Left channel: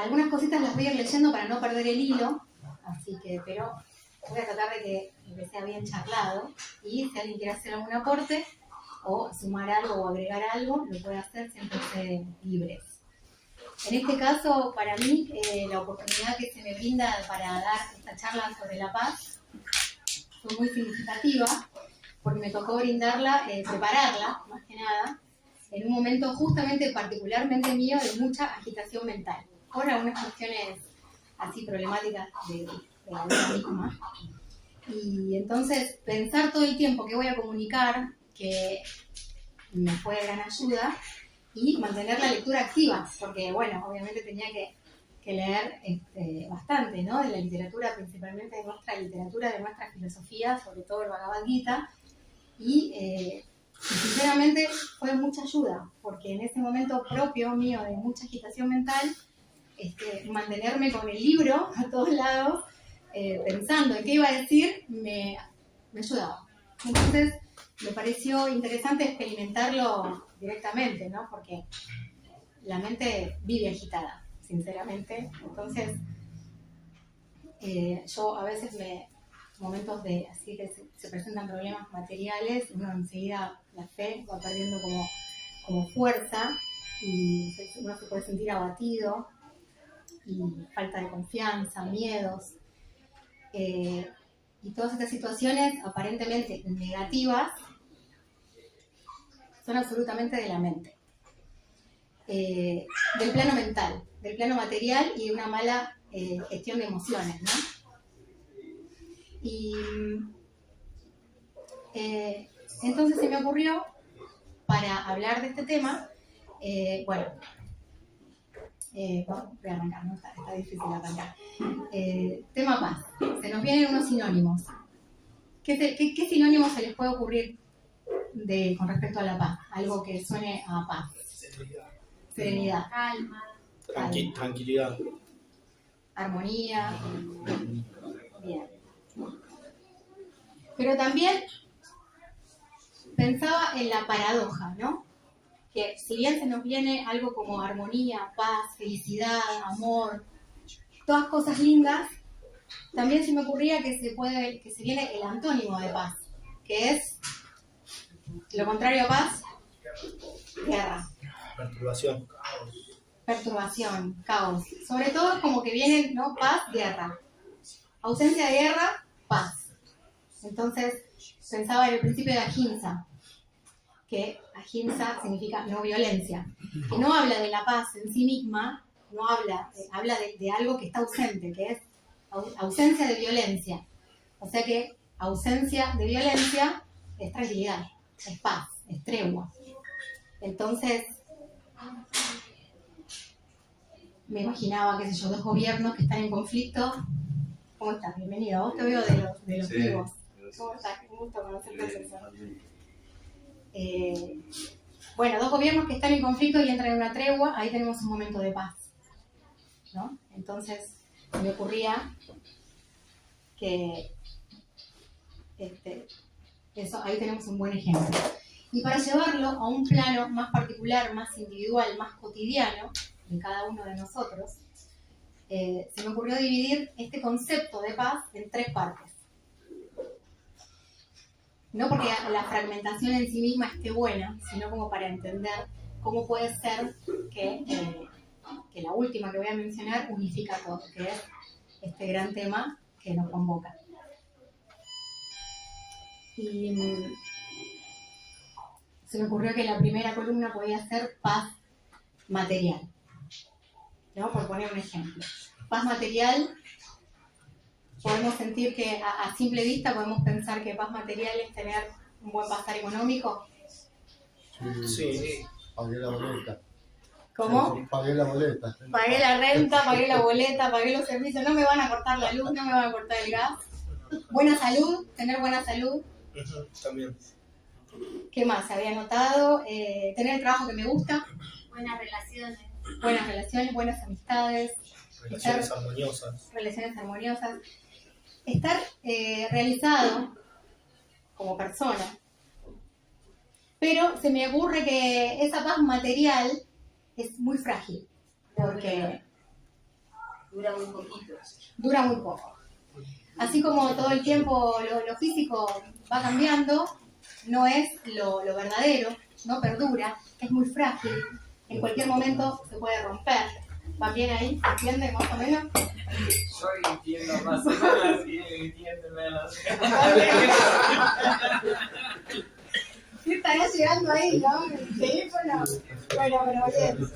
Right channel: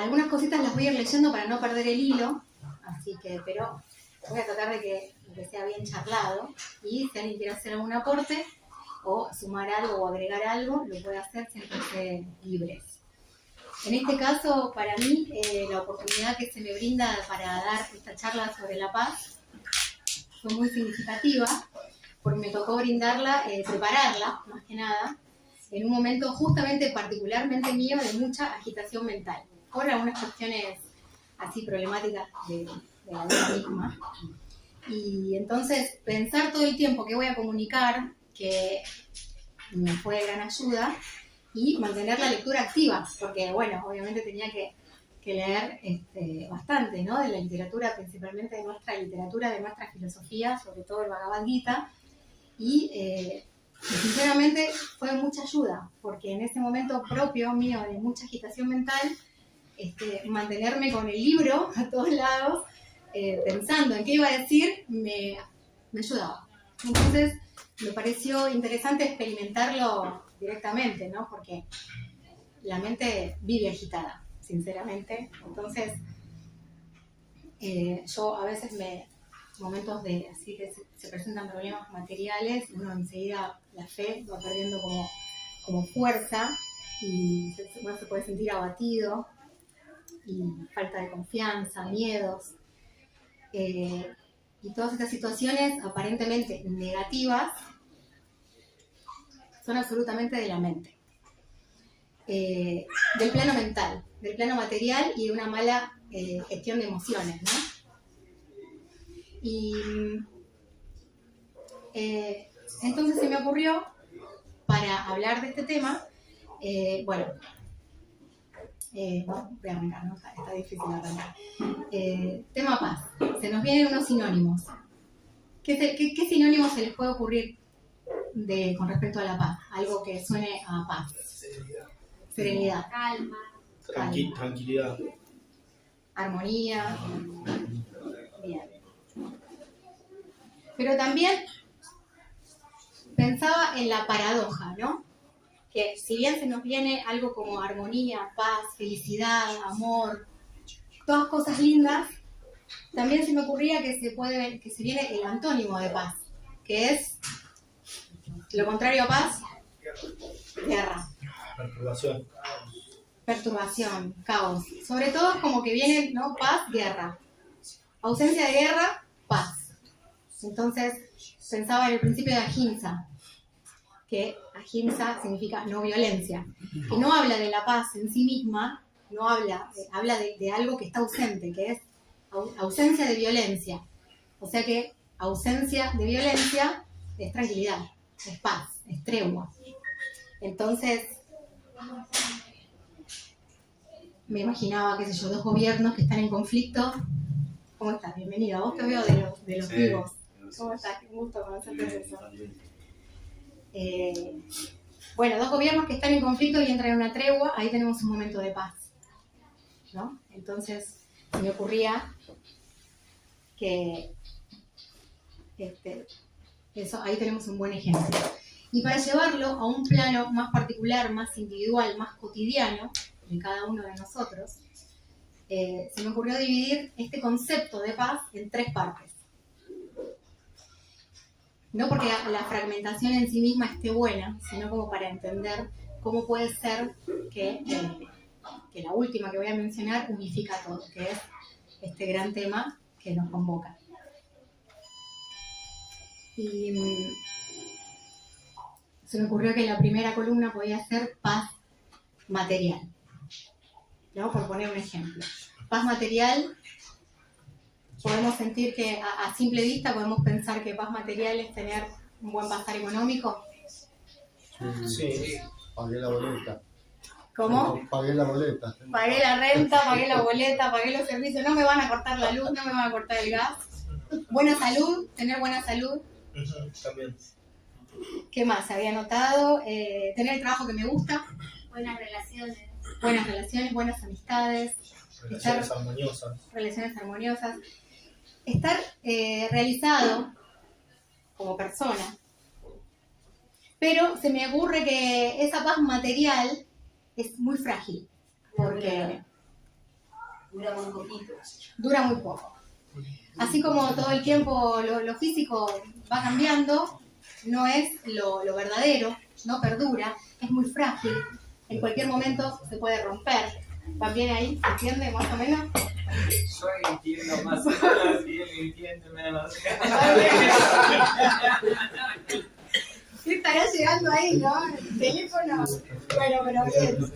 algunas cositas las voy a ir leyendo para no perder el hilo, así que, pero voy a tratar de que sea bien charlado, y si alguien quiere hacer algún aporte o sumar algo o agregar algo, lo puede hacer, siempre libres. En este caso, para mí, la oportunidad que se me brinda para dar esta charla sobre la paz fue muy significativa, porque me tocó brindarla, prepararla, más que nada, en un momento justamente particularmente mío de mucha agitación mental, por algunas cuestiones así problemáticas de la vida misma. Y entonces pensar todo el tiempo que voy a comunicar, que me fue de gran ayuda, y mantener la lectura activa, porque bueno, obviamente tenía que leer bastante, ¿no? De la literatura, principalmente de nuestra literatura, de nuestra filosofía, sobre todo el Bhagavad Gita, y sinceramente fue mucha ayuda, porque en ese momento propio mío de mucha agitación mental, mantenerme con el libro a todos lados, pensando en qué iba a decir, me ayudaba. Entonces me pareció interesante experimentarlo directamente, ¿no? Porque la mente vive agitada, sinceramente. Entonces yo a veces momentos de así que se presentan problemas materiales, uno enseguida la fe va perdiendo como fuerza, y uno se puede sentir abatido, y falta de confianza, miedos, y todas estas situaciones aparentemente negativas son absolutamente de la mente, del plano mental, del plano material y de una mala gestión de emociones, ¿no? Y entonces se me ocurrió, para hablar de este tema, voy a arrancar, ¿no? Está difícil arrancar. Tema paz. Se nos vienen unos sinónimos. ¿Qué sinónimos se les puede ocurrir con respecto a la paz? Algo que suene a paz. Serenidad. Calma. Tranquilidad. Armonía. Bien. Pero también pensaba en la paradoja, ¿no? Que si bien se nos viene algo como armonía, paz, felicidad, amor, todas cosas lindas, también se me ocurría que se viene el antónimo de paz, que es lo contrario a paz, guerra. Perturbación, caos. Sobre todo es como que vienen, ¿no? Paz, guerra. Ausencia de guerra, paz. Entonces pensaba en el principio de Ahimsa, que Ahimsa significa no violencia, que no habla de la paz en sí misma, no habla de algo que está ausente, que es ausencia de violencia. O sea que ausencia de violencia es tranquilidad, es paz, es tregua. Entonces me imaginaba, qué sé yo, dos gobiernos que están en conflicto. ¿Cómo estás? Bienvenido. Vos te veo de los vivos. ¿Cómo estás? Qué gusto conocerte. Bueno, dos gobiernos que están en conflicto y entran en una tregua, ahí tenemos un momento de paz, ¿no? Entonces se me ocurría que eso, ahí tenemos un buen ejemplo. Y para llevarlo a un plano más particular, más individual, más cotidiano de cada uno de nosotros, se me ocurrió dividir este concepto de paz en tres partes. No porque la fragmentación en sí misma esté buena, sino como para entender cómo puede ser que la última que voy a mencionar unifica todo, que es este gran tema que nos convoca. Y se me ocurrió que la primera columna podía ser paz material, ¿no? Por poner un ejemplo. Paz material, podemos sentir que a simple vista podemos pensar que paz material es tener un buen pasar económico. Sí. Pagué la boleta. ¿Cómo? Pagué la boleta. Pagué la renta, pagué la boleta, pagué los servicios, no me van a cortar la luz, no me van a cortar el gas. Buena salud, tener buena salud. También. ¿Qué más? Se había notado. Tener el trabajo que me gusta. Buenas relaciones. Buenas relaciones, buenas amistades. Relaciones armoniosas. Relaciones armoniosas. Estar realizado como persona. Pero se me ocurre que esa paz material es muy frágil. Porque Dura un poquito. Dura muy poco. Así como todo el tiempo lo físico va cambiando, no es lo verdadero, no perdura, es muy frágil, en cualquier momento se puede romper. ¿Van bien ahí? ¿Se entiende más o menos? Yo entiendo más o menos y él entiende menos. Sí, estará llegando ahí, ¿no? El teléfono. Bueno, pero bien.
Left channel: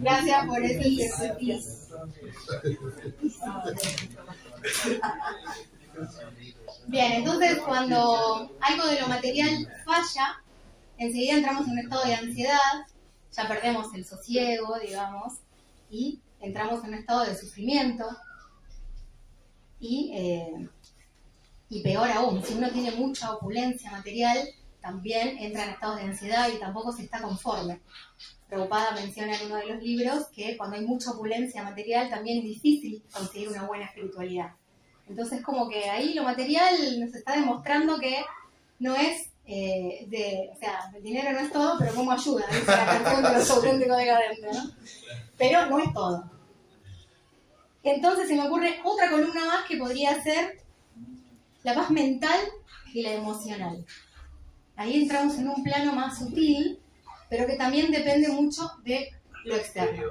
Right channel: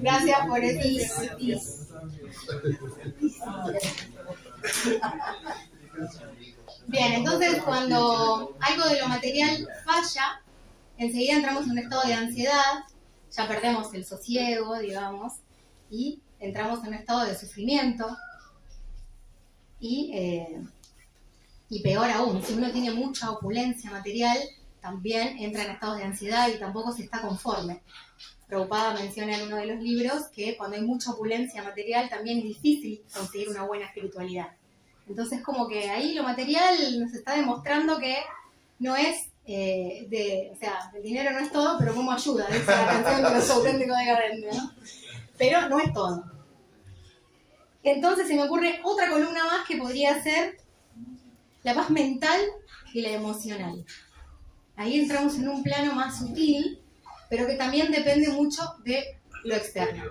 Gracias por ese tip. Bien, entonces cuando algo de lo material falla, enseguida entramos en un estado de ansiedad, ya perdemos el sosiego, digamos, y entramos en un estado de sufrimiento. Y peor aún, si uno tiene mucha opulencia material, también entra en estados de ansiedad y tampoco se está conforme. Prabhupada menciona en uno de los libros que cuando hay mucha opulencia material también es difícil conseguir una buena espiritualidad. Entonces como que ahí lo material nos está demostrando que no es, o sea, el dinero no es todo, pero cómo ayuda, dice la canción de los auténticos decadentes, ¿no? Pero no es todo. Entonces se me ocurre otra columna más que podría ser la paz mental y la emocional. Ahí entramos en un plano más sutil, pero que también depende mucho de lo externo,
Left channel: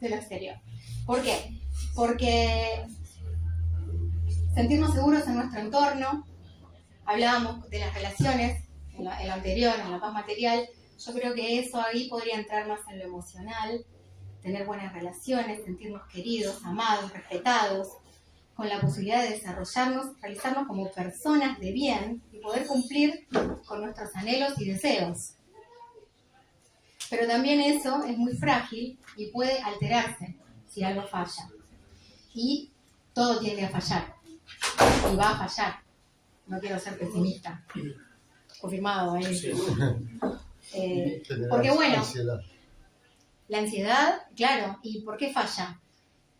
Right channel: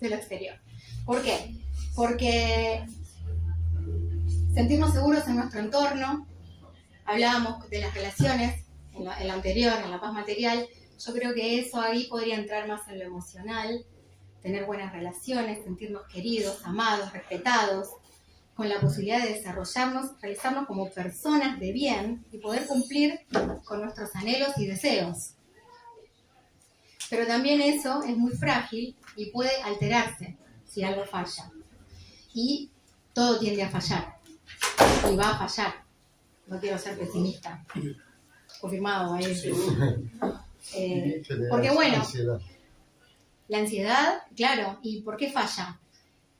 de lo exterior. ¿Por qué? Porque sentirnos seguros en nuestro entorno, hablábamos de las relaciones en la anterior, en la paz material, yo creo que eso ahí podría entrar más en lo emocional, tener buenas relaciones, sentirnos queridos, amados, respetados, con la posibilidad de desarrollarnos, realizarnos como personas de bien y poder cumplir con nuestros anhelos y deseos. Pero también eso es muy frágil y puede alterarse si algo falla. Y todo tiende a fallar. Y va a fallar. No quiero ser pesimista. Confirmado ahí. Sí. Porque bueno, Ansiedad. la ansiedad, claro. ¿Y por qué falla?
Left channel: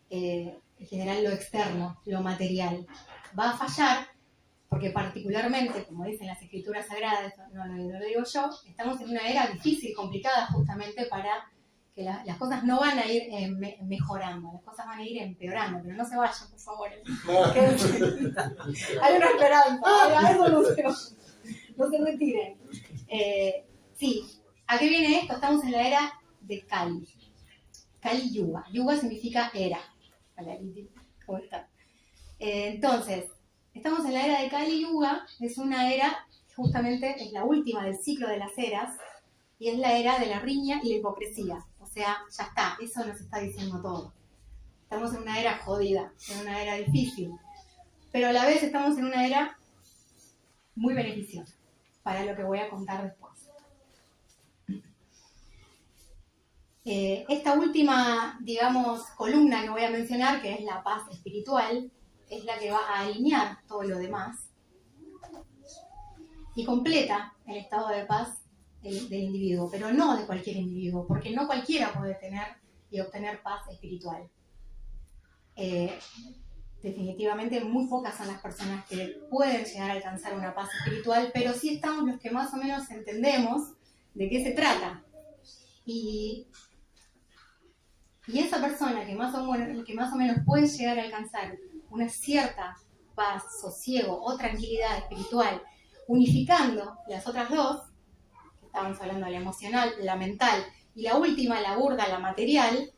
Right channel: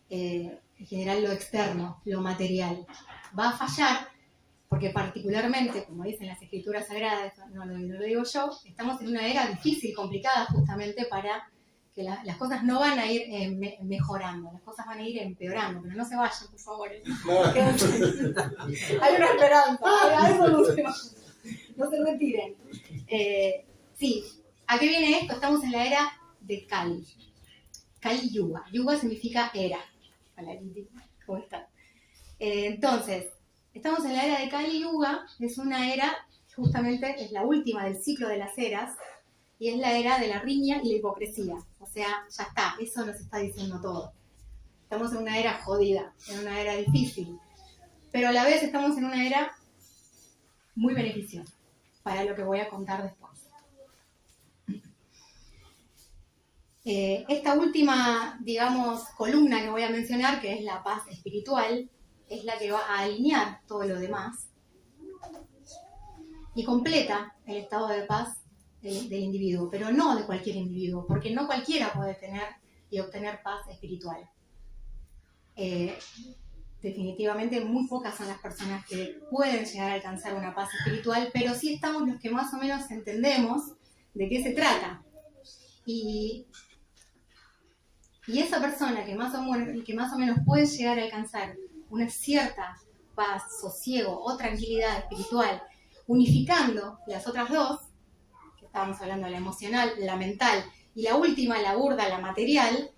En general lo externo, lo material. Va a fallar porque particularmente, como dicen las escrituras sagradas, no lo digo yo, estamos en una era difícil, complicada justamente para que las cosas no van a ir mejorando, las cosas van a ir empeorando, pero no se vayan, por favor. Hay una esperanza, hay solución. No se retiren. Sí, ¿a qué viene esto? Estamos en la era de Kali. Kali Yuga. Yuga significa era. Hola, Liti. ¿Cómo estás? Entonces, estamos en la era de Kali Yuga, es una era, justamente es la última del ciclo de las eras, y es la era de la riña y la hipocresía. O sea, ya está, eso nos está diciendo todo. Estamos en una era jodida, en una era difícil, pero a la vez estamos en una era muy beneficiosa, para lo que voy a contar después. Esta última, digamos, columna que voy a mencionar, que es la paz espiritual, es la que va a alinear todo lo demás y completa el estado de paz del individuo, pero no de cualquier individuo, porque no cualquiera puede tener y obtener paz espiritual. Definitivamente muy pocas son las personas que pueden llegar a alcanzar una paz espiritual, pero sí estamos los que más o menos entendemos de qué se trata. Y esa persona que más o menos puede llegar a alcanzar una cierta paz, sosiego o tranquilidad espiritual, unificando las otras dos, que estábamos hablando de la emocional, la mental, y la última, la burda, la material,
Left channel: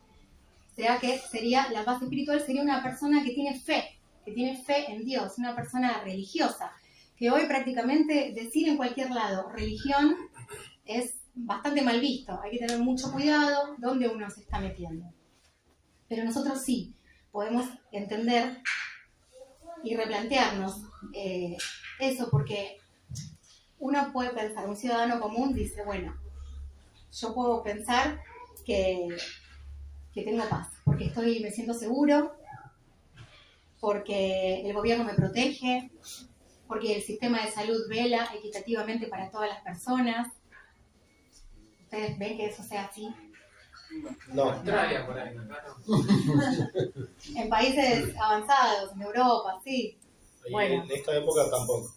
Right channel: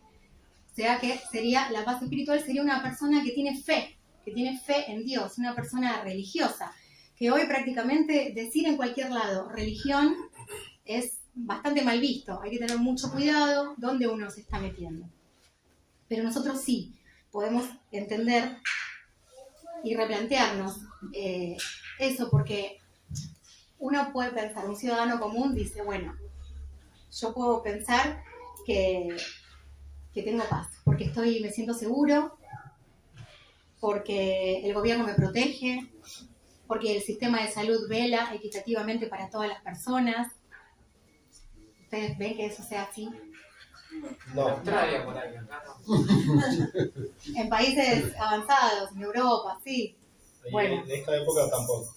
o sea que sería la paz espiritual, sería una persona que tiene fe en Dios, una persona religiosa, que hoy prácticamente decir en cualquier lado religión es bastante mal visto, hay que tener mucho cuidado dónde uno se está metiendo. Pero nosotros sí podemos entender y replantearnos eso, porque uno puede pensar, un ciudadano común dice, bueno, yo puedo pensar que tengo paz, porque me siento seguro, porque el gobierno me protege, porque el sistema de salud vela equitativamente para todas las personas. ¿Ustedes ven que eso sea así? No. En países avanzados, en Europa, sí. Y Bueno. en esta época tampoco.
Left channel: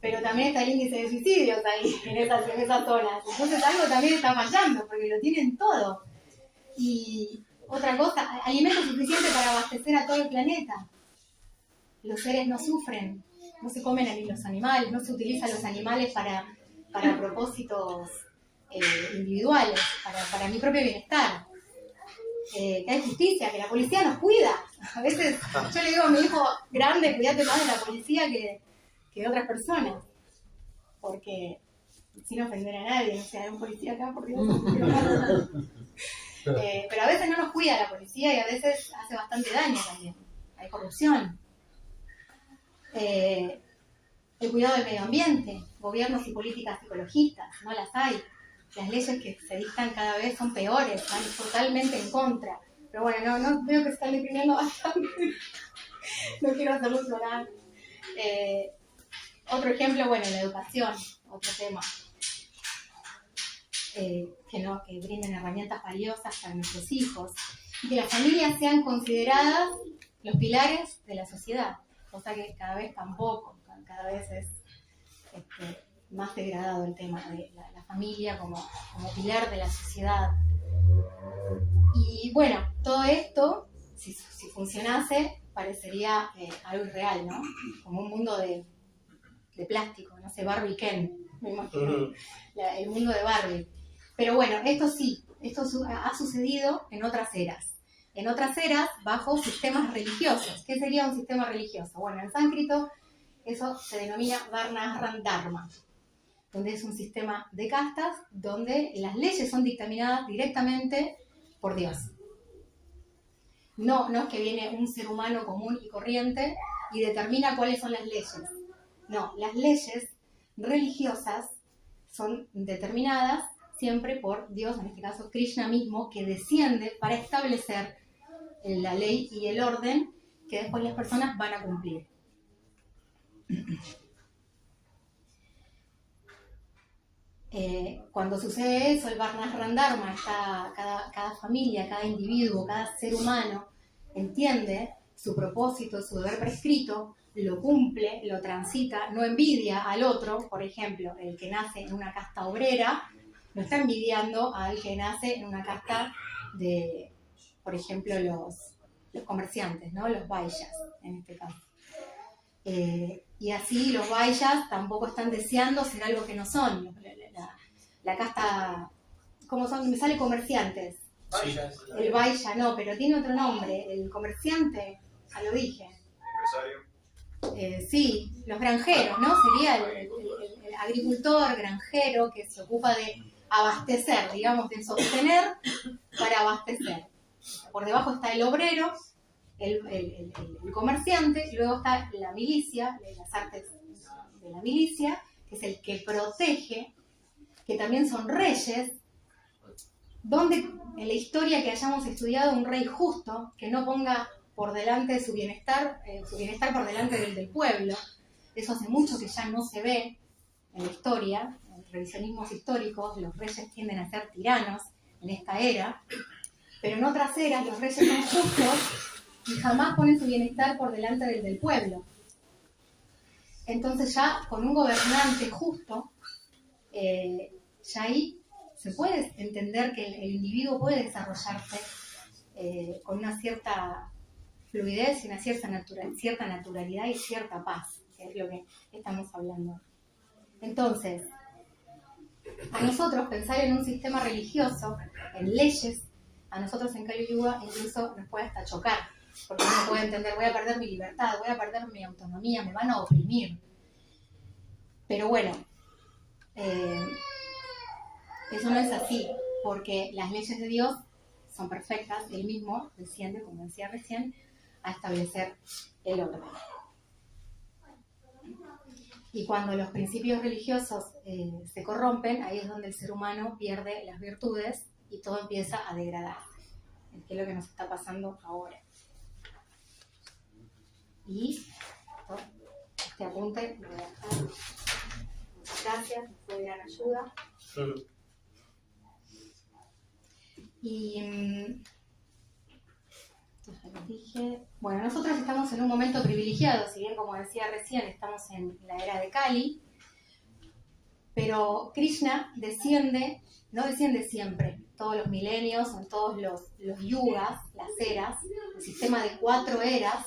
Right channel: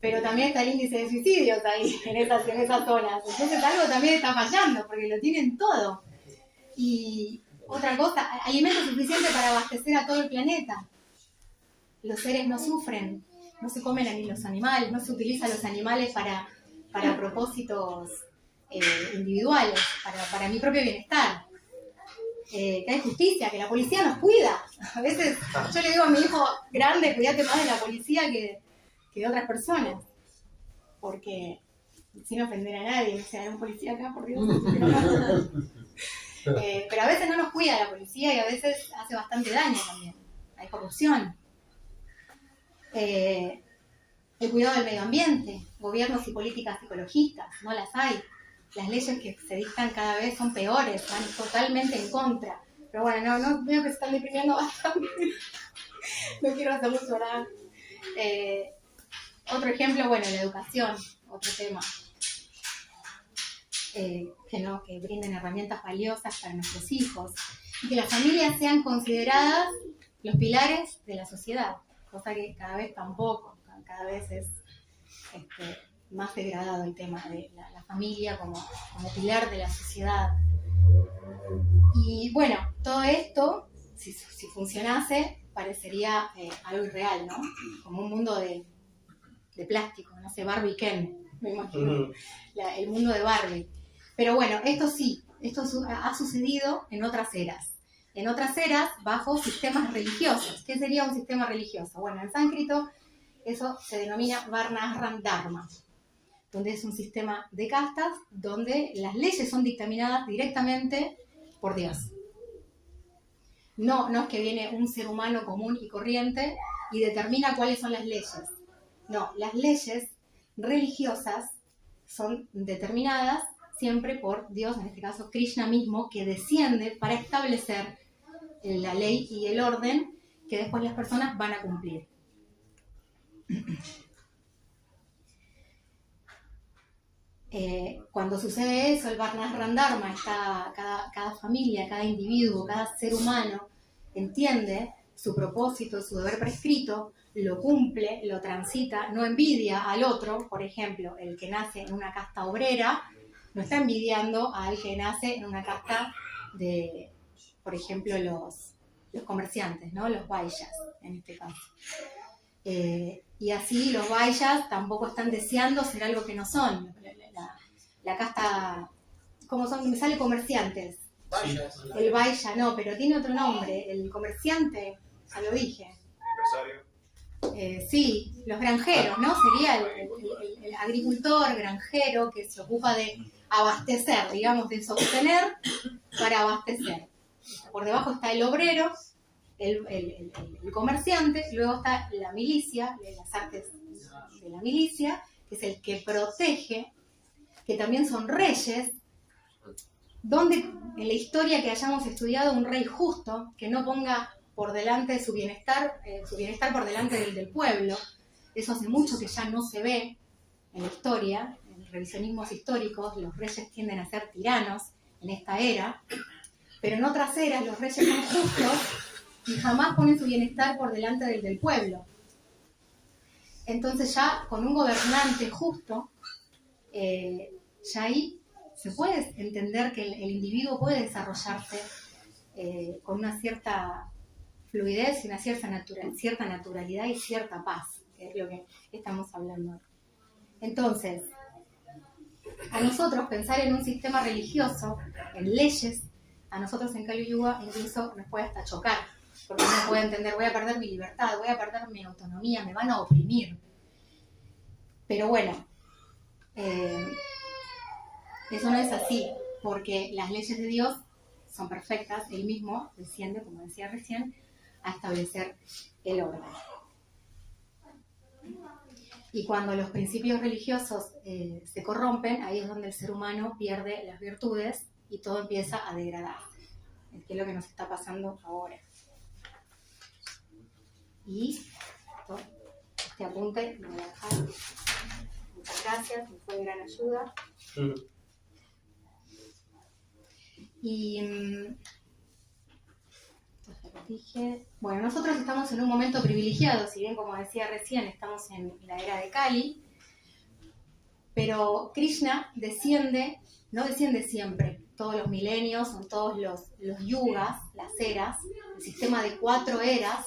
Pero también está el índice de suicidios ahí, en esas zonas. Entonces algo también está fallando, porque lo tienen todo. Y Otra cosa, alimento suficiente para abastecer a todo el planeta. Los seres no sufren, no se comen a los animales, no se utilizan los animales para propósitos individuales, para mi propio bienestar. Que hay justicia, que la policía nos cuida. A veces yo le digo a mi hijo grande, cuídate más de la policía que de otras personas. Porque sin ofender a nadie, o sea, hay un policía acá, por Dios. Pero a veces no nos cuida la policía y a veces hace bastante daño también. Hay corrupción. El cuidado del medio ambiente, gobiernos y políticas ecologistas, no las hay. Las leyes que se dictan cada vez son peores, van totalmente en contra. Pero bueno, no veo que se están deprimiendo bastante. No quiero hacerlos llorar. Otro ejemplo, bueno, la educación, otro tema. Que brinden herramientas valiosas para nuestros hijos. Y que las familias sean consideradas los pilares de la sociedad. Cosa que cada vez tampoco, cada vez es más degradado el tema de la familia como pilar de la sociedad. Y bueno, todo esto, si funcionase, parecería algo irreal, ¿no? Como un mundo de plástico, no sé, Barbie Ken, me imagino, el mundo de Barbie. Pero bueno, esto sí, esto ha sucedido en otras eras. En otras eras, bajo sistemas religiosos. ¿Qué sería un sistema religioso? Bueno, en sánscrito eso se denomina Varnashram Dharma, donde es un sistema de castas donde las leyes son dictaminadas directamente por Dios. No es que viene un ser humano común y corriente y determina cuáles son las leyes. No, las leyes religiosas son determinadas siempre por Dios, en este caso Krishna mismo, que desciende para establecer la ley y el orden que después las personas van a cumplir. Cuando sucede eso, el Varnashram Dharma, cada familia, cada individuo, cada ser humano entiende su propósito, su deber prescrito, lo cumple, lo transita, no envidia al otro. Por ejemplo, el que nace en una casta obrera no está envidiando al que nace en una casta de, por ejemplo, los comerciantes, ¿no? Los vaishyas, en este caso. Y así los vaishyas tampoco están deseando ser algo que no son. La casta, ¿cómo son? Me sale comerciantes. Vayas. El vaishya no, pero tiene otro nombre. El comerciante, ya lo dije. Empresario. Sí, los granjeros, ¿no? Sería el agricultor granjero que se ocupa de abastecer, digamos, de sostener para abastecer. Por debajo está el obrero, el comerciante, y luego está la milicia, las artes de la milicia, que es el que protege, que también son reyes, donde en la historia que hayamos estudiado un rey justo, que no ponga por delante su bienestar por delante del pueblo. Eso hace mucho que ya no se ve en la historia, en revisionismos históricos, los reyes tienden a ser tiranos en esta era, pero en otras eras los reyes son justos y jamás ponen su bienestar por delante del pueblo. Entonces ya con un gobernante justo, ya ahí se puede entender que el individuo puede desarrollarse con una cierta fluidez y una cierta naturalidad y cierta paz, que es lo que estamos hablando. Entonces, a nosotros pensar en un sistema religioso, en leyes, a nosotros en Kali Yuga incluso nos puede hasta chocar, porque uno puede entender, voy a perder mi libertad, voy a perder mi autonomía, me van a oprimir. Pero bueno, eso no es así, porque las leyes de Dios son perfectas, Él mismo desciende, como decía recién, a establecer el orden. Y cuando los principios religiosos se corrompen, ahí es donde el ser humano pierde las virtudes y todo empieza a degradar, que es lo que nos está pasando ahora. Y este apunte lo voy a dejar. Muchas gracias, me fue de gran ayuda. Y dije, bueno, nosotros estamos en un momento privilegiado, si bien como decía recién, estamos en la era de Kali, pero Krishna no desciende siempre, todos los milenios, son todos los yugas, las eras. El sistema de 4 eras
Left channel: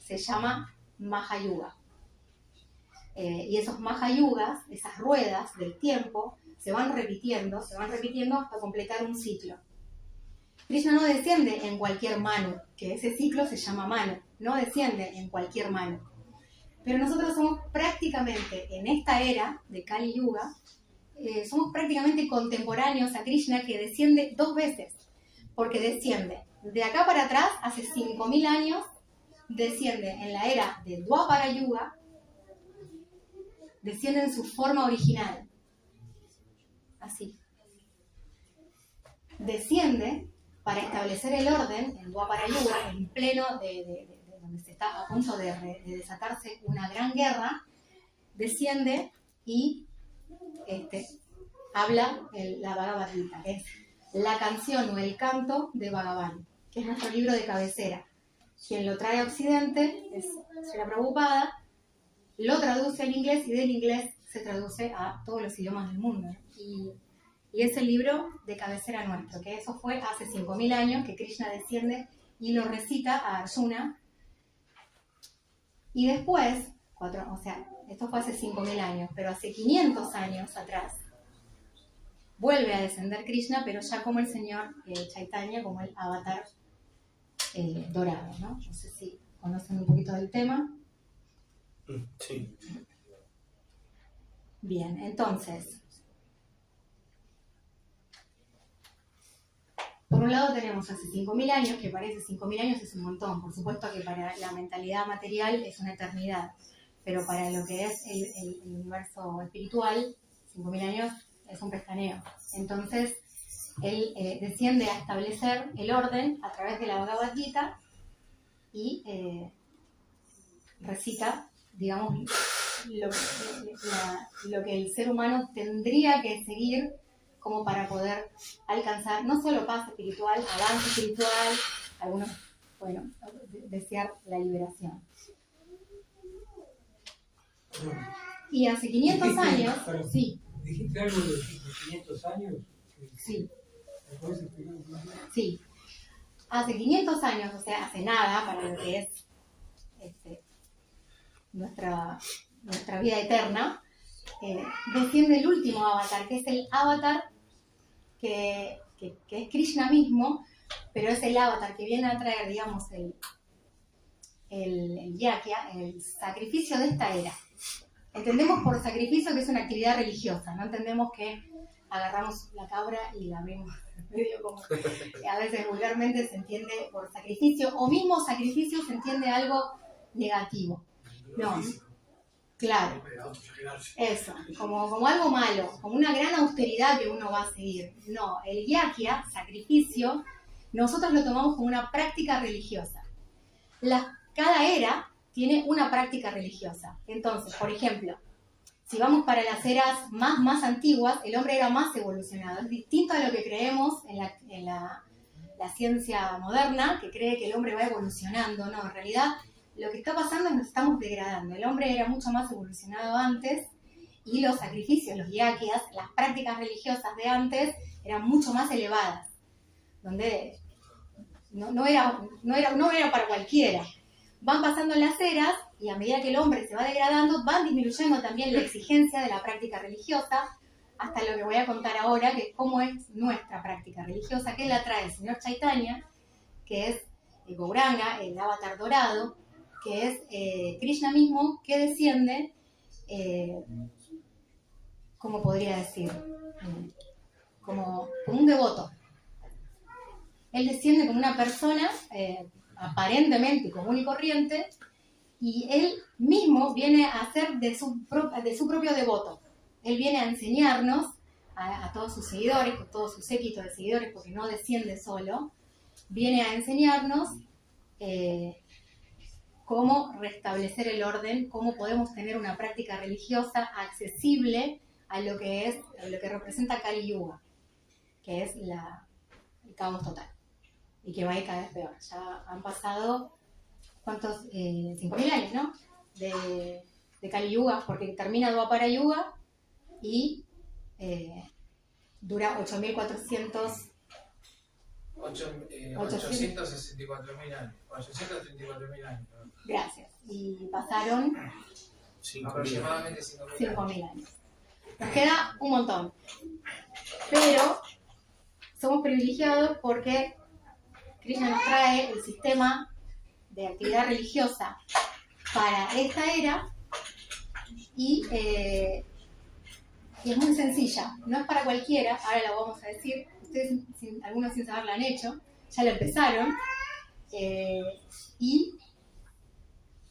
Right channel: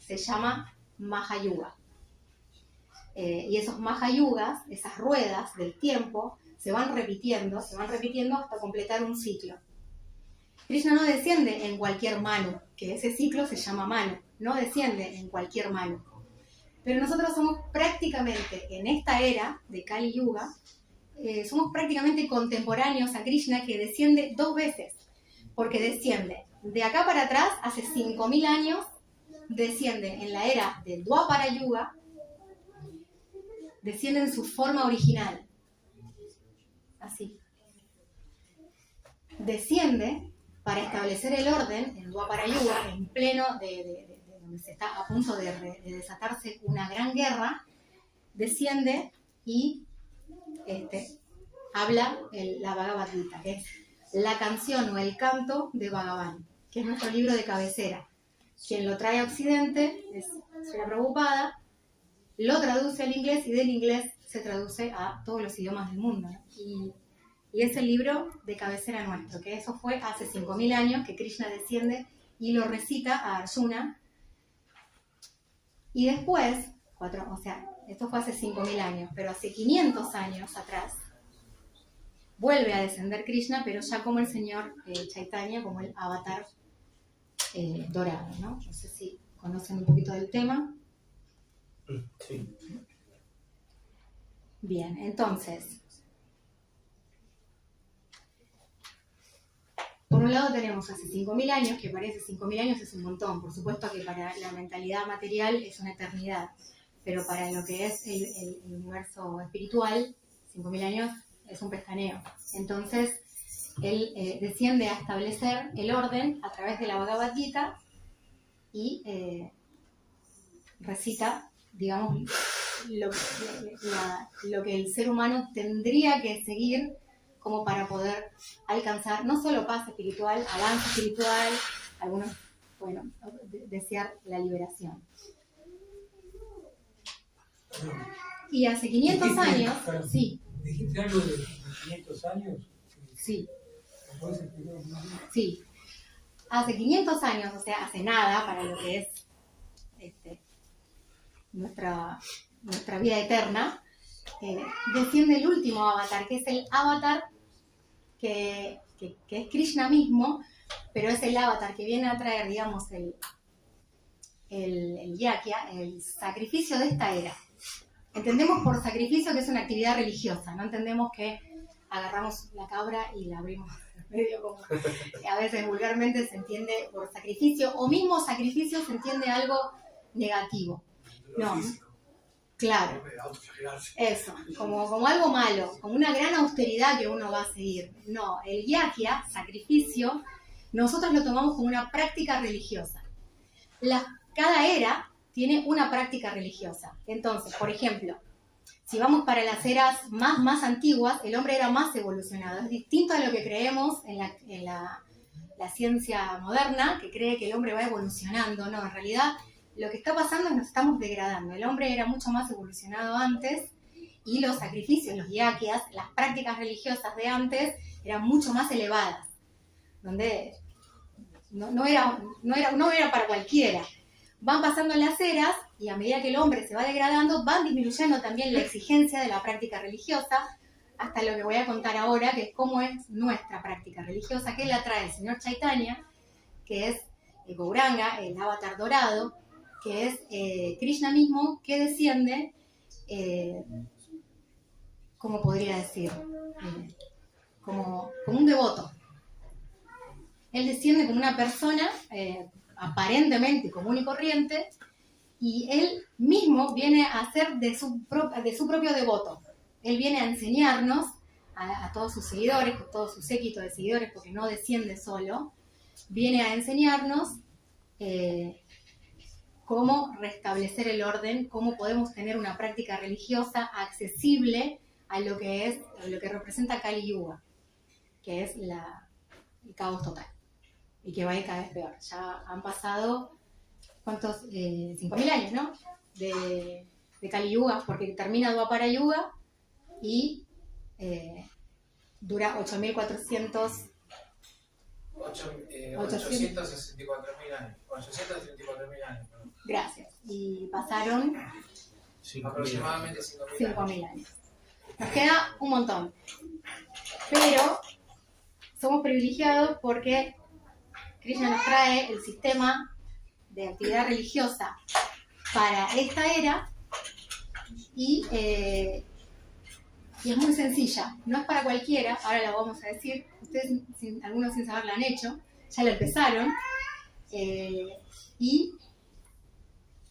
se llama Mahayuga. Y esos Mahayugas, esas ruedas del tiempo, se van repitiendo hasta completar un ciclo. Krishna no desciende en cualquier Manu, que ese ciclo se llama Manu, no desciende en cualquier Manu. Pero nosotros somos prácticamente, en esta era de Kali Yuga, somos prácticamente contemporáneos a Krishna, que desciende 2 veces, porque desciende de acá para atrás, hace 5.000 años, desciende en la era de Dwapara Yuga, desciende en su forma original, así. Desciende para establecer el orden en Dwapara Yuga, en pleno de donde se está a punto de desatarse una gran guerra, desciende y habla la Bhagavad Gita, que es la canción o el canto de Bhagavan, que es nuestro libro de cabecera. Quien lo trae a Occidente es Srila Prabhupada, lo traduce al inglés y del inglés se traduce a todos los idiomas del mundo. Y es el libro de cabecera nuestro, que eso fue hace 5.000 años que Krishna desciende y lo recita a Arjuna. Y después, esto fue hace 5.000 años, pero hace 500 años atrás, vuelve a descender Krishna, pero ya como el señor Chaitanya, como el avatar dorado, ¿no? No sé si conocen un poquito del tema. Sí. Bien, entonces, por un lado tenemos hace 5.000 años, que parece 5.000 años es un montón, por supuesto que para la mentalidad material es una eternidad, pero para lo que es el universo espiritual, 5.000 años es un pestañeo. Entonces, él desciende a establecer el orden a través de la Bhagavad Gita y recita, digamos, lo que el ser humano tendría que seguir como para poder alcanzar no solo paz espiritual, avance espiritual, algunos, bueno, desear la liberación. Y hace 500 años, sí. ¿Dijiste algo de 500 años? Sí. ¿Me puedes explicar un poco? Sí. Hace 500 años, o sea, hace nada para lo que es nuestra vida eterna, desciende el último avatar, que es el avatar que es Krishna mismo, pero es el avatar que viene a traer, digamos, el yakya, el sacrificio de esta era. Entendemos por sacrificio que es una actividad religiosa, no entendemos que agarramos la cabra y la abrimos medio como a veces vulgarmente se entiende por sacrificio, o mismo sacrificio se entiende algo negativo. No, claro, eso, como algo malo, como una gran austeridad que uno va a seguir. No, el yakya, sacrificio, nosotros lo tomamos como una práctica religiosa. Cada era tiene una práctica religiosa. Entonces, por ejemplo, si vamos para las eras más antiguas, el hombre era más evolucionado. Es distinto a lo que creemos en la ciencia moderna, que cree que el hombre va evolucionando. No, en realidad lo que está pasando es que nos estamos degradando. El hombre era mucho más evolucionado antes y los sacrificios, los yakyas, las prácticas religiosas de antes eran mucho más elevadas, donde no era para cualquiera. Van pasando las eras y a medida que el hombre se va degradando, van disminuyendo también la exigencia de la práctica religiosa, hasta lo que voy a contar ahora, que es cómo es nuestra práctica religiosa, que la trae el señor Chaitanya, que es el Gauranga, el avatar dorado, que es Krishna mismo, que desciende, ¿cómo podría decir? Como un devoto. Él desciende como una persona aparentemente común y corriente, y él mismo viene a ser de su propio devoto. Él viene a enseñarnos a todos sus seguidores, a todos sus séquitos de seguidores, porque no desciende solo, viene a enseñarnos cómo restablecer el orden, cómo podemos tener una práctica religiosa accesible a lo que representa Kali Yuga, que es el caos total, y que va a ir cada vez peor. Ya han pasado, ¿cuántos? 5.000 años, ¿no? De Kali Yuga, porque termina Dwapara Yuga y dura 8.400. 864.000 años. 834.000 años. Perdón. Gracias. Y pasaron 5.000. Aproximadamente 5.000 años. 5.000 años. Nos queda un montón. Pero somos privilegiados porque Krishna nos trae el sistema de actividad religiosa para esta era y es muy sencilla. No es para cualquiera, ahora la vamos a decir. Ustedes, algunos sin saber, la han hecho, ya la empezaron. Y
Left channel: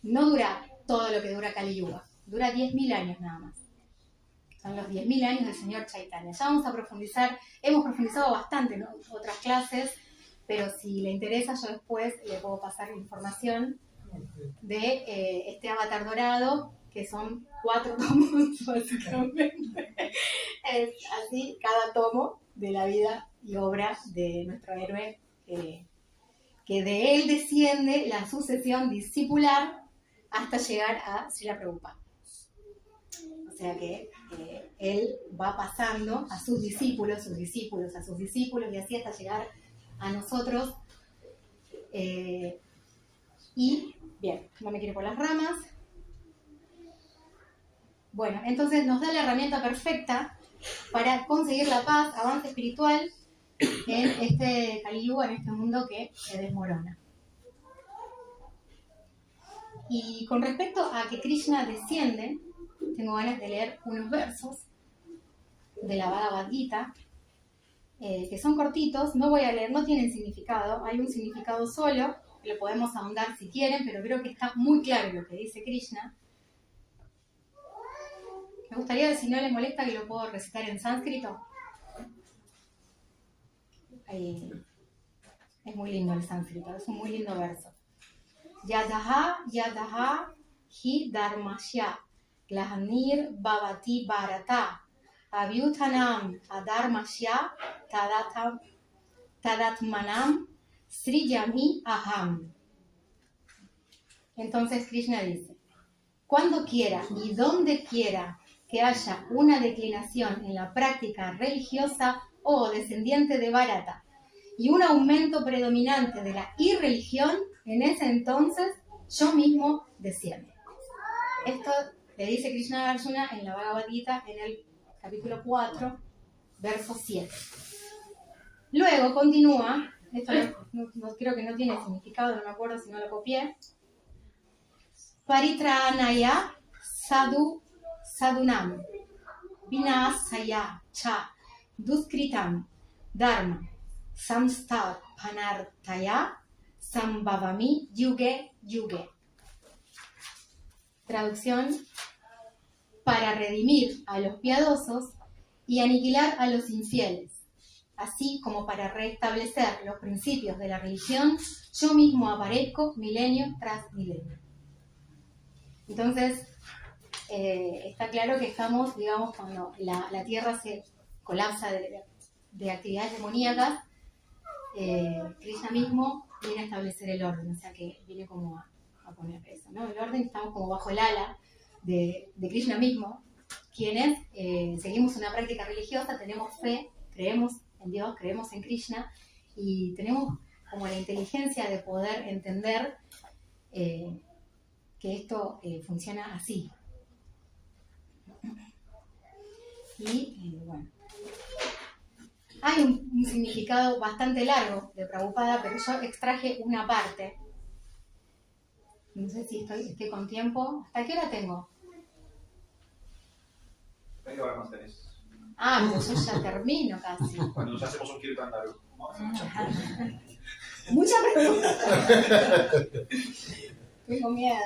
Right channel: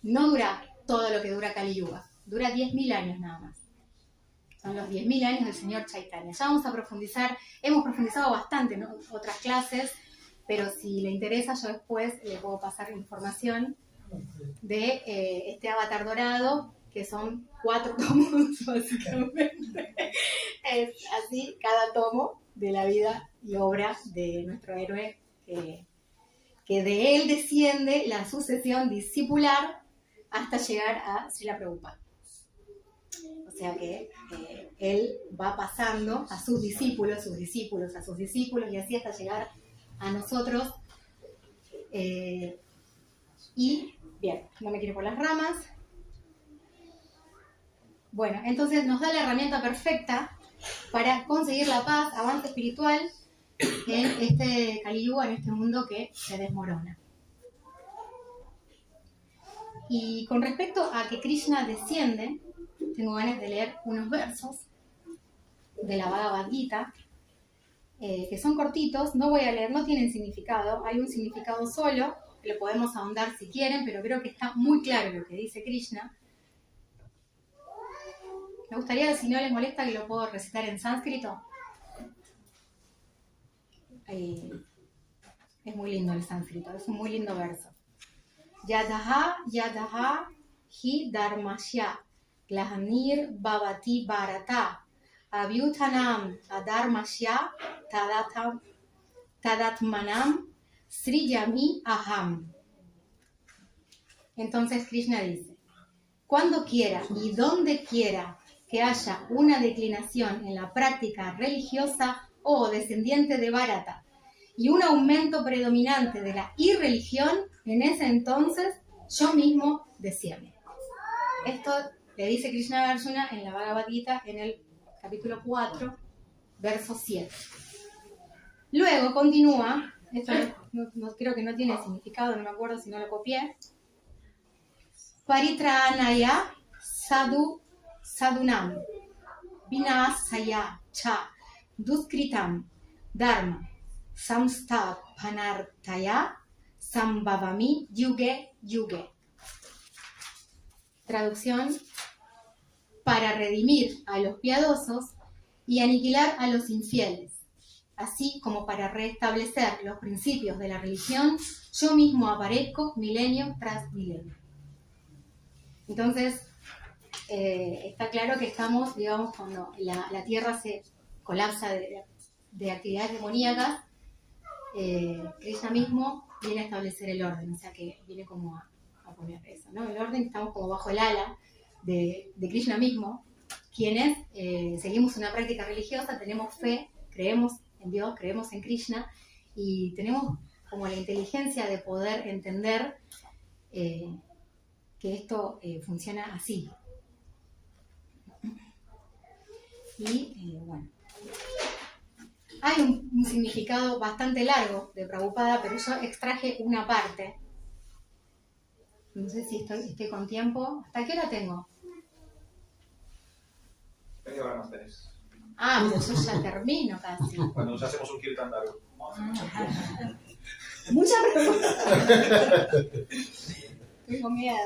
no dura todo lo que dura Kali Yuga, dura 10.000 años nada más. Son los 10.000 años del señor Chaitanya. Ya vamos a profundizar, hemos profundizado bastante en otras clases, pero si le interesa yo después le puedo pasar información de este avatar dorado, que son 4 tomos básicamente. Es así cada tomo de la vida y obra de nuestro héroe, que de él desciende la sucesión discipular hasta llegar a Srila Prabhupada. O sea que él va pasando a sus discípulos, a sus discípulos, y así hasta llegar a nosotros. Y, bien, no me quiero ir por las ramas. Bueno, entonces nos da la herramienta perfecta para conseguir la paz, avance espiritual en este Kali Yuga, en este mundo que se desmorona. Y con respecto a que Krishna desciende, tengo ganas de leer unos versos de la Bhagavad Gita, que son cortitos, no voy a leer, no tienen significado, hay un significado solo, lo podemos ahondar si quieren, pero creo que está muy claro lo que dice Krishna. Me gustaría, si no les molesta, que lo puedo recitar en sánscrito. Es muy lindo el sánscrito, es un muy lindo verso. Yadaha yadaha hi dharmasya glahanir bhavati bharata avyutanam adharmasya tadatmanam sriyami aham. Entonces Krishna dice: cuando quiera y donde quiera que haya una declinación en la práctica religiosa o descendiente de Bharata y un aumento predominante de la irreligión, en ese entonces yo mismo desciendo. Esto le dice Krishna a Arjuna en la Bhagavad Gita en el capítulo 4, verso 7. Luego continúa, esto no, creo que no tiene significado, no me acuerdo si no lo copié. Paritranaya sadunam vinasaya cha duskritam dharma samsthapanartaya sambhavami yuge yuge. Traducción: para redimir a los piadosos y aniquilar a los infieles, así como para restablecer los principios de la religión, yo mismo aparezco milenio tras milenio. Entonces, está claro que estamos, digamos, cuando la Tierra se colapsa de actividades demoníacas, Krishna mismo viene a establecer el orden, o sea que viene como a poner eso, ¿no? El orden, estamos como bajo el ala de Krishna mismo, quienes seguimos una práctica religiosa, tenemos fe, creemos en Dios, creemos en Krishna y tenemos como la inteligencia de poder entender que esto funciona así. Y bueno, hay un significado bastante largo de Prabhupada, pero yo extraje una parte. No sé si estoy con tiempo. ¿Hasta qué hora tengo? Media hora más tenés. Ah, pero yo ya termino casi. Cuando nos hacemos un kirtan largo. Muchas preguntas. Tengo miedo.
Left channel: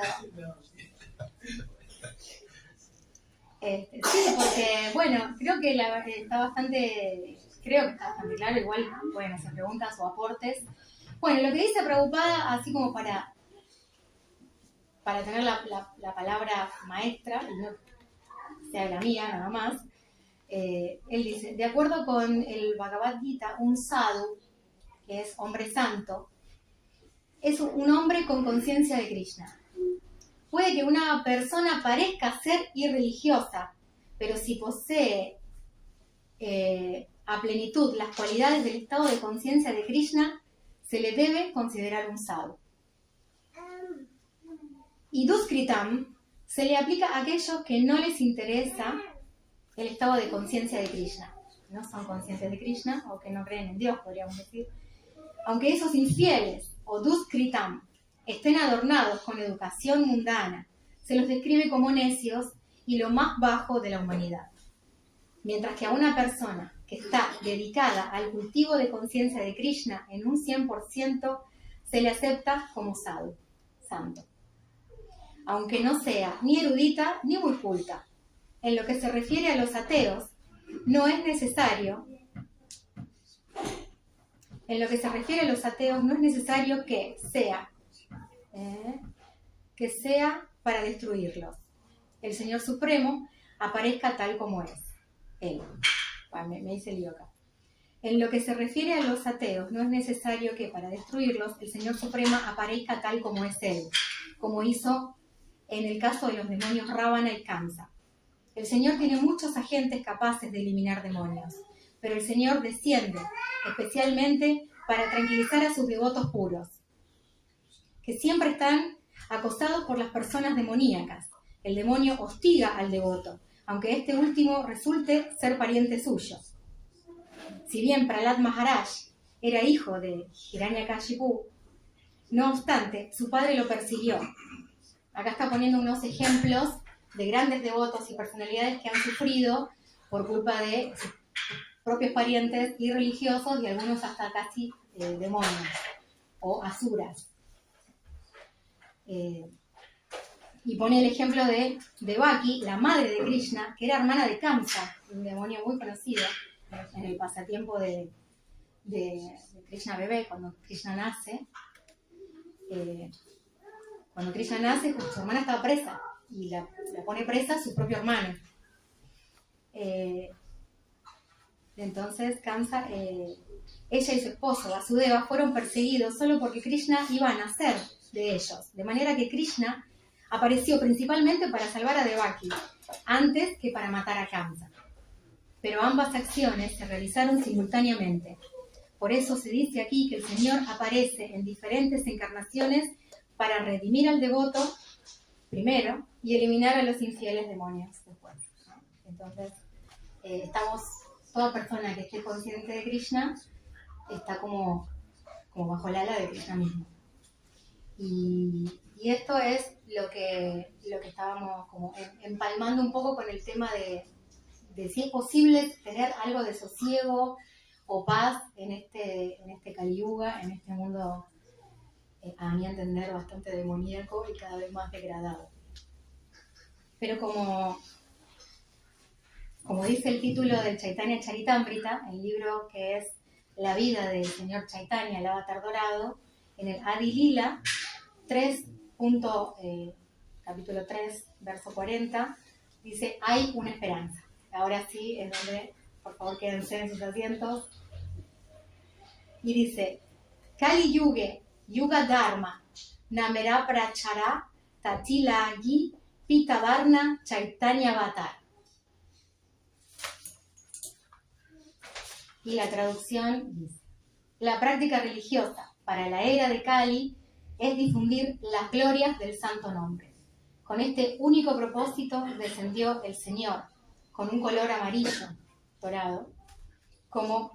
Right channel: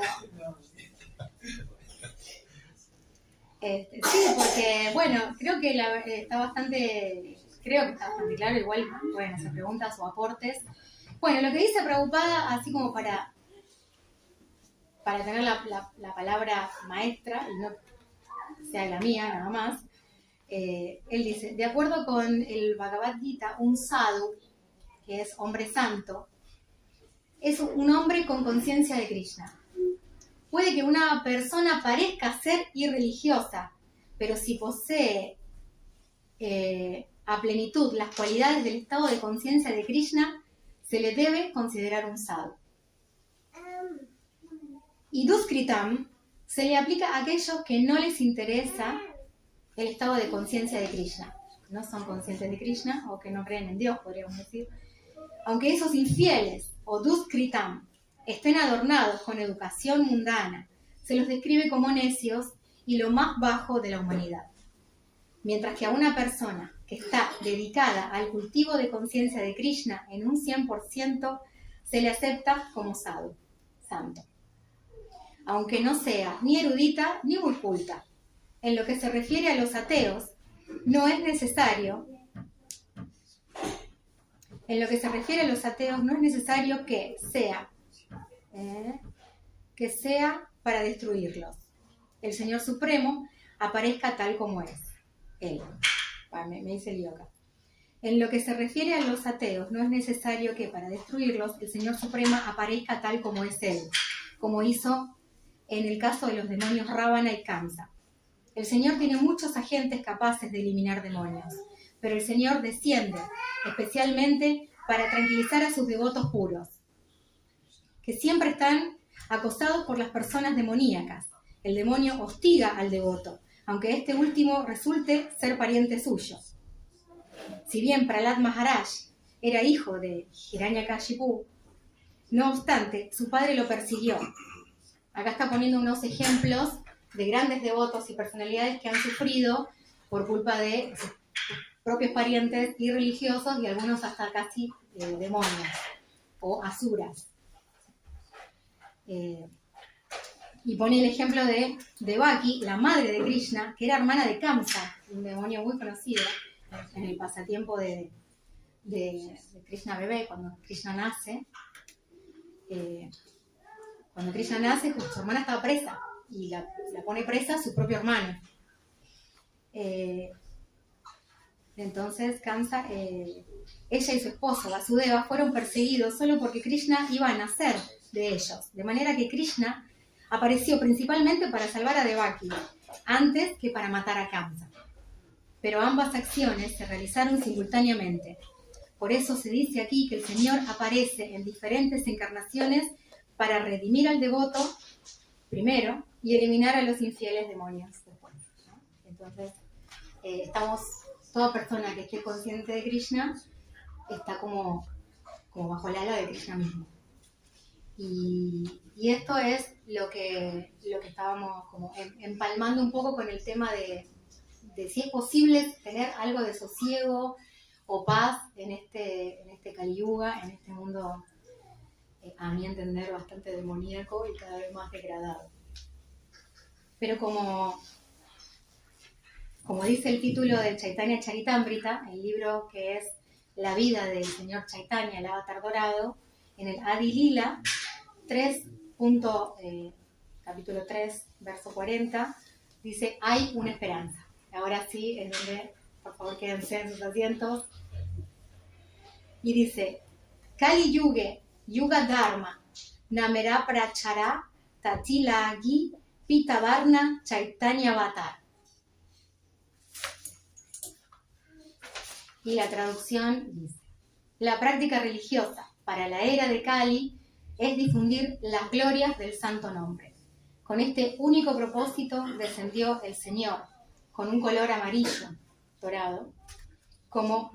Sí, porque, bueno, creo que está bastante claro, igual pueden hacer preguntas o aportes. Bueno, lo que dice Prabhupada, así como para tener la palabra maestra, y no sea la mía nada más, él dice: de acuerdo con el Bhagavad Gita, un sadhu, que es hombre santo, es un hombre con conciencia de Krishna. Puede que una persona parezca ser irreligiosa, pero si posee a plenitud las cualidades del estado de conciencia de Krishna, se le debe considerar un sadhu. Y duskritam se le aplica a aquellos que no les interesa el estado de conciencia de Krishna. No son conscientes de Krishna o que no creen en Dios, podríamos decir. Aunque esos infieles o duskritam estén adornados con educación mundana, se los describe como necios y lo más bajo de la humanidad. Mientras que a una persona que está dedicada al cultivo de conciencia de Krishna en un 100%, se le acepta como sadhu, santo. Aunque no sea ni erudita ni muy culta. En lo que se refiere a los ateos, no es necesario que sea para destruirlos. El Señor Supremo aparezca tal como es. Él. Me hice lío acá. En lo que se refiere a los ateos, no es necesario que para destruirlos el Señor Supremo aparezca tal como es Él, como hizo en el caso de los demonios Ravana y Kamsa. El Señor tiene muchos agentes capaces de eliminar demonios, pero el Señor desciende especialmente para tranquilizar a sus devotos puros, que siempre están acosados por las personas demoníacas. El demonio hostiga al devoto, aunque este último resulte ser pariente suyo. Si bien Prahlad Maharaj era hijo de Hiranyakashipu, no obstante, su padre lo persiguió. Acá está poniendo unos ejemplos de grandes devotos y personalidades que han sufrido por culpa de sus propios parientes y religiosos y algunos hasta casi demonios o asuras. Y pone el ejemplo de Devaki, la madre de Krishna, que era hermana de Kamsa, un demonio muy conocido en el pasatiempo de Krishna bebé, cuando Krishna nace. Cuando Krishna nace, su hermana estaba presa y la pone presa su propio hermano. Entonces Kamsa, ella y su esposo Vasudeva fueron perseguidos solo porque Krishna iba a nacer de ellos, de manera que Krishna apareció principalmente para salvar a Devaki, antes que para matar a Kamsa. Pero ambas acciones se realizaron simultáneamente. Por eso se dice aquí que el Señor aparece en diferentes encarnaciones para redimir al devoto primero y eliminar a los infieles demonios después, ¿no? Entonces, toda persona que esté consciente de Krishna está como bajo el ala de Krishna mismo. Y esto es lo que estábamos como empalmando un poco con el tema de si es posible tener algo de sosiego o paz en este Kali Yuga, en este mundo, a mi entender, bastante demoníaco y cada vez más degradado. Pero como dice el título del Chaitanya Charitamrita, el libro que es la vida del señor Chaitanya, el avatar dorado, en el Adi Lila, capítulo 3, verso 40, dice, hay una esperanza. Ahora sí, es donde, por favor, quédense en sus asientos. Y dice, Kali Yuge, Yuga Dharma, Namera Prachara, Tatila Agi, Pitavarna, Chaitanya Avatar. Y la traducción dice, la práctica religiosa para la era de Kali es difundir las glorias del santo nombre. Con este único propósito descendió el Señor, con un color amarillo, dorado, con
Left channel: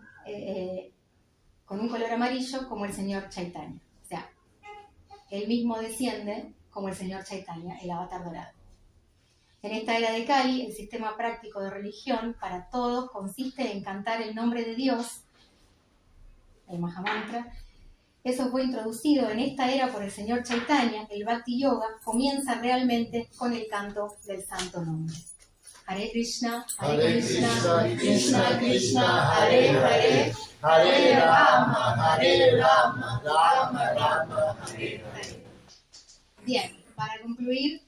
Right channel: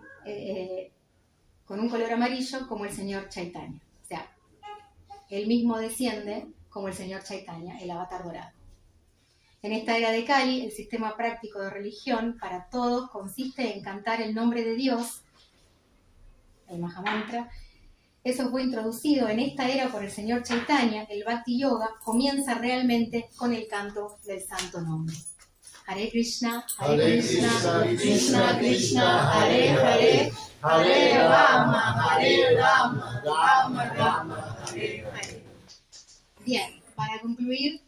un color amarillo como el señor Chaitanya. O sea, él mismo desciende como el señor Chaitanya, el avatar dorado. En esta era de Kali, el sistema práctico de religión para todos consiste en cantar el nombre de Dios, el Mahamantra. Eso fue introducido en esta era por el señor Chaitanya. El Bhakti Yoga comienza realmente con el canto del santo nombre. Hare Krishna, Krishna, Krishna, Hare Hare, Hare Rama, Rama Rama, Hare Hare. Bien, para concluir,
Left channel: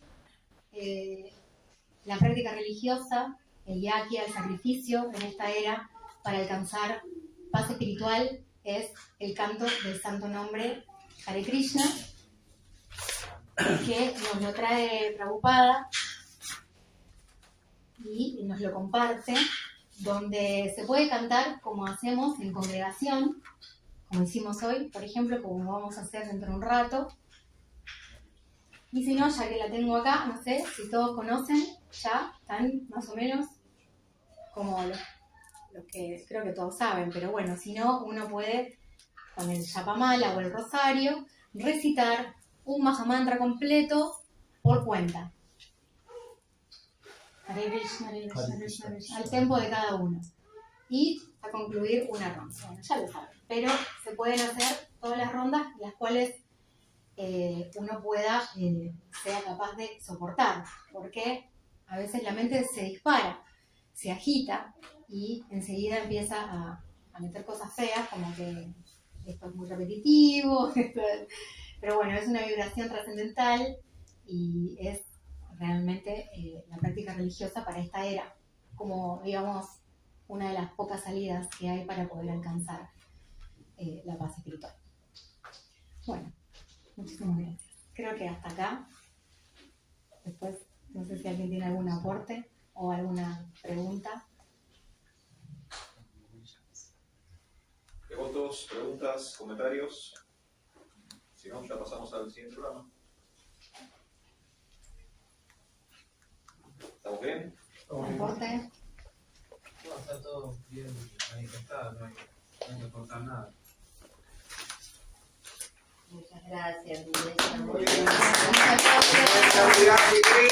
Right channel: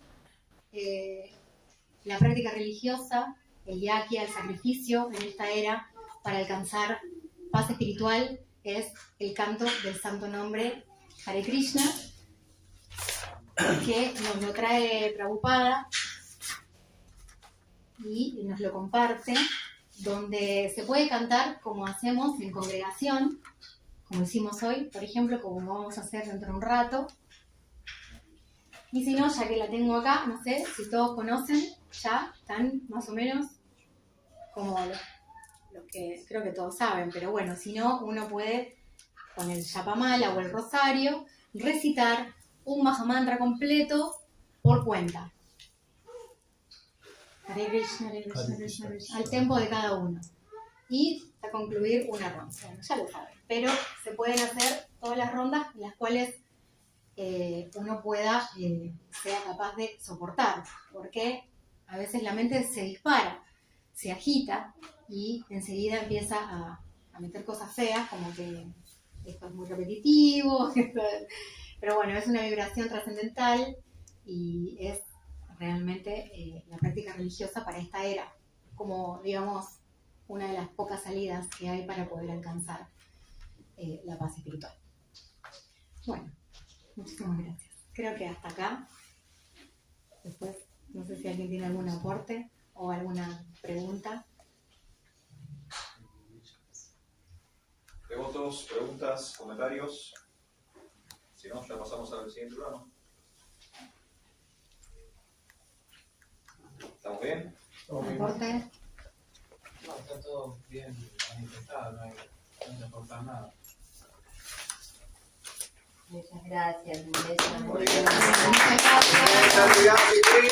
la práctica religiosa, el yajna, el sacrificio en esta era para alcanzar paz espiritual es el canto del santo nombre Hare Krishna, que nos lo trae Prabhupada y nos lo comparte donde se puede cantar como hacemos en congregación, como hicimos hoy, por ejemplo, como vamos a hacer dentro de un rato. Y si no, ya que la tengo acá, no sé si todos conocen, ya están más o menos como lo que creo que todos saben, pero bueno, si no, uno puede con el Yapamala o el Rosario recitar un Mahamantra completo por cuenta. Hare Krishna, Hare Krishna, Hare Krishna, Hare Krishna, al tempo de cada uno. Y a concluir una ronda. Bueno, ya lo saben. Pero se pueden hacer todas las rondas, las cuales uno pueda, sea capaz de soportar. Porque a veces la mente se dispara, se agita y enseguida empieza a meter cosas feas, como que esto es muy repetitivo. Pero bueno, es una vibración trascendental y es realmente la práctica religiosa para esta era, como digamos una de las pocas salidas que hay para poder alcanzar la paz espiritual. Bueno, muchísimas gracias. Creo que hasta acá. Después, no sé si alguien tiene algún aporte o alguna pregunta. ¿Preguntas, preguntas, comentarios? Si no, ya pasamos al siguiente programa. ¿Estamos bien? ¿Aporte? No, está todo bien manifestado, no hay que aportar nada. Muchas gracias, Luisa. Muy bien. Muchas gracias. ¡Feliz Navidad, Chiquín!